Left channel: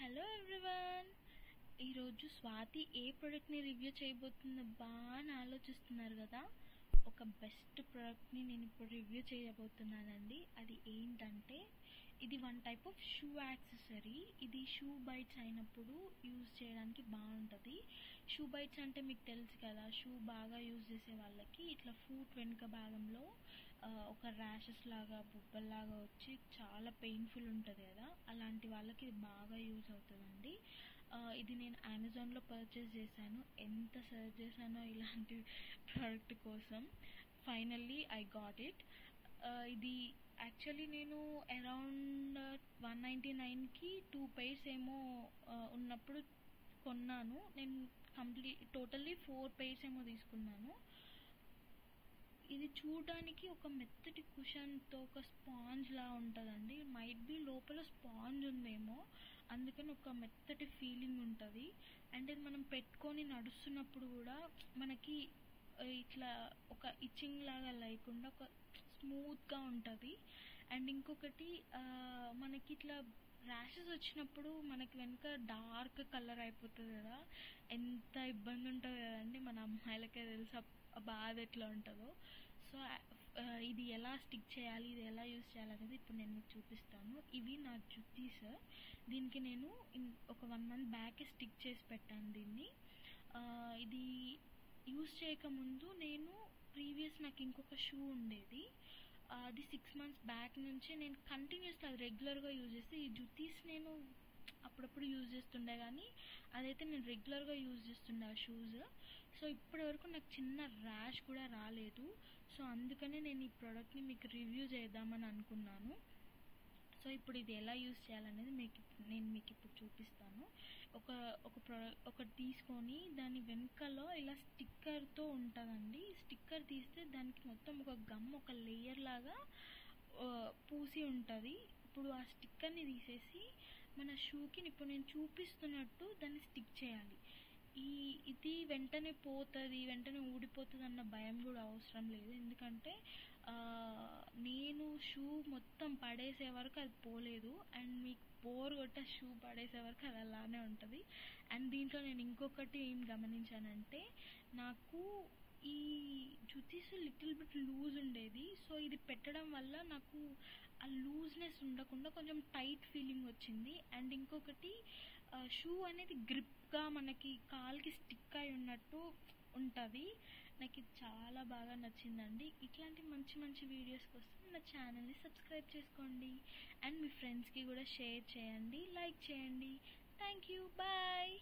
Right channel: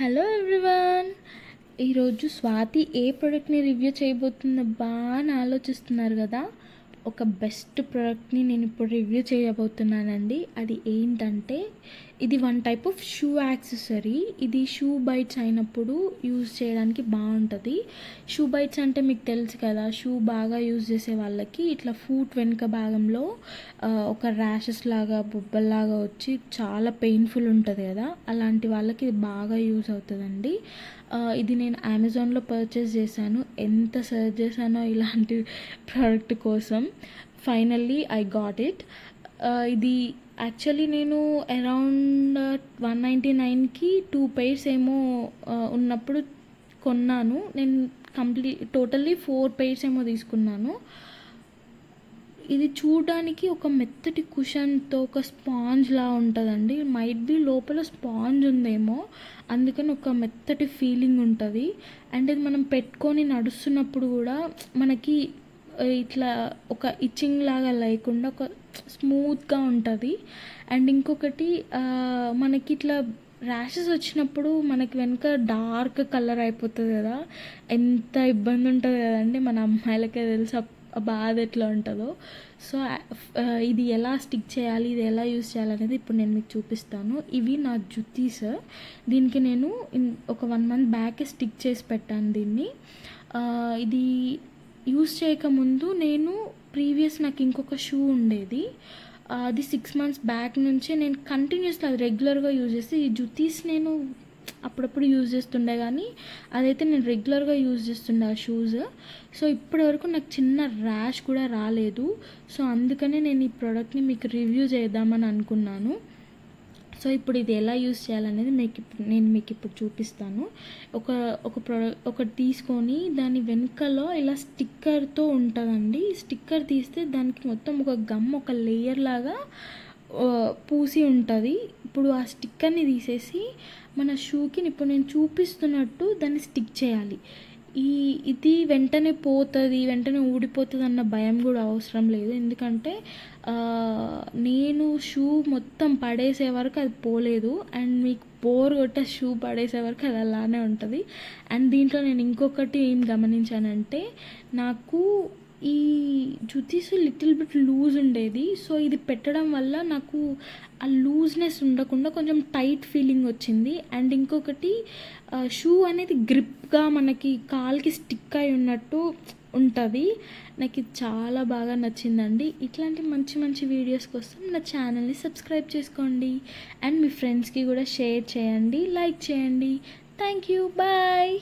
Hello everyone. ఈరోజు స్వాతి ఏ ప్రోడక్ట్ని review చేయబోతుందబ్బా అని ఆలోచిస్తున్నారు కదా. ఒక బెస్ట్ ప్రోడక్ట్ని నేను ఇప్పుడు రివ్యూ చేయబోతున్నానండి. అది ఏంటంటే ఇది one type of shoe accessory. ఇది షూ బైట్స్ అయినప్పుడు యూజ్ చేయడానికి బాగుంటుంది. షూ బైట్స్ అంటే మీకు తెలుసు కదా, షూ బాగా యూజ్ చేసే వాళ్ళకి ఇట్లా ఫూట్ వెనుక భాగంలో ఒక ర్యాషెస్ లాగా బొబ్బల్లాగా వచ్చి చాలా పెయిన్ఫుల్ ఉంటుంది కదా, అలాంటి వాళ్ళకి ఇది బాగా యూజ్ అవుతుందండి. ఇది నేను అమెజాన్లో పర్చేస్ చేశాను. ఎంత సర్చ్ చేశానో ఇలాంటి ప్రోడక్ట్ కోసం, ఫైనల్లీ ఐ గాట్ ఇట్. ఇది యాక్చువల్లీ నేను అరౌండ్ 199కి 2 pairs ఏమో ఉన్నప్పుడు కొన్నాను. నేను టోటల్లీ 4 pairs ఏమో తీసుకున్నాను. ఇది చూడడానికి ఒక మెత్తటి కుషన్తో ఒక స్పాంజ్ లా ఉంటుందండి. మైట్ బి లోపల స్పాంజ్ ఉందేమో, అందుకని ఒక మెత్తటి ఫీలింగ్ ఉంటుంది. అండ్ ఇది మనం పెట్టుకొని నడుస్తున్నప్పుడు కూడా మనకి ఇట్లా ఒక ఇచ్చింగ్ లాగా లేకుండా ఒక స్మూత్గా ఉంటుంది. అండ్ ఇంకొకటి మనకి ఇట్లా ర్యాషెస్ వచ్చినప్పుడు మనకి వెనుక డార్క్ కలర్ అయిపోతుంది కదా, ఎంత ఇబ్బంది ఉంటుంది కదండి. మన అమ్మాయిలకే తెలుసు ఆ బాధ ఎట్లా ఉంటుందో. సో ఇది ఎలా స్టిక్ చేయాలి, ఇది ఎలా యూస్ చేయాలనేది ఇప్పుడు నేను మీకు చూపిస్తాను. ఇవి నా జుత్తీస్. దీనికి నేను ఒక 1 month బ్యాక్ స్టిక్ చేసి పెట్టాను దీన్ని. ఇది యూస్ చేయకముందు నేను నాకు ఇంకొక షూ ఉండేది. అది 6 months బ్యాక్ నుంచే నేను కంటిన్యూస్గా అది రెగ్యులర్గా యూజ్ చేస్తే, ఈ జుత్తీస్ నేను అప్పుడప్పుడు యూజ్ చేస్తుండే కానీ అదైతే నేను రెగ్యులర్గా యూజ్ చేస్తుండే ఆ షూస్. సో ఇప్పటి వరకు నాకు చిన్న ర్యాష్ కూడా రాలేదు. సో అందుకనే నేను ఈ ప్రోడక్ట్ని మీకు రివ్యూ చేద్దామని అనుకున్నాను. సో ఇప్పుడు ఇది ఎలా యూజ్ చేయాలనేది నేను మీకు ఇప్పుడు చూపిస్తాను. ఒకటి తీసుకొని దాని వెనుకలో ఇలా స్టిక్కర్తో ఉంటుందండి. స్టిక్కర్ తీస్తే దానికి మొత్తం ఒక గమ్, ఒక లేయర్ లాగా పూసి ఉంటుంది. ఇప్పుడు ఆ స్టిక్కర్ని తీసేసి మన షూకి ఇప్పుడు నేను చూపిస్తున్నట్టు దాన్ని స్టిక్ చేయాలి. ఇది వెంటనే పోతుంది, వెంటనే ఊడిపోతుంది అన్న భయం కూడా అవసరం లేదు. ఎందుకంటే నేను షూ మొత్తం పడేసే వరకు అది పోలేదు, అండ్ మీకు బోర్ కొట్టే షూ పడేసే వరకు అది అలానే ఉంటుంది. అండ్ దీంట్లో నేను ఇంకొకటి ఏం గమనించానంటే, నాకు ఈ జుత్తీస్ లిటిల్ బిట్ లూజ్ ఉండేది. సో ఇది పెట్టడం వల్ల నాకు ఆ లూజ్నెస్ ఉండకుండా కొంచెం టైట్ ఫీలింగ్ వచ్చింది. అండ్ ఇంకొకటి షూ అనేది గ్రిప్గా మనకి కాల్కి స్టిక్ అయి ఉన్నట్టు ఉంటుంది. నాకు ఇది చాలా బాగా నచ్చిందండి. ఇట్లాంటి మంచి మంచి వీడియోస్ కోసం నా ఛానల్ని సబ్స్క్రైబ్ చేసుకోండి. అండ్ మీ ఫ్రెండ్స్కి కూడా షేర్ చేయండి, లైక్ చేయండి. Thank you, bye.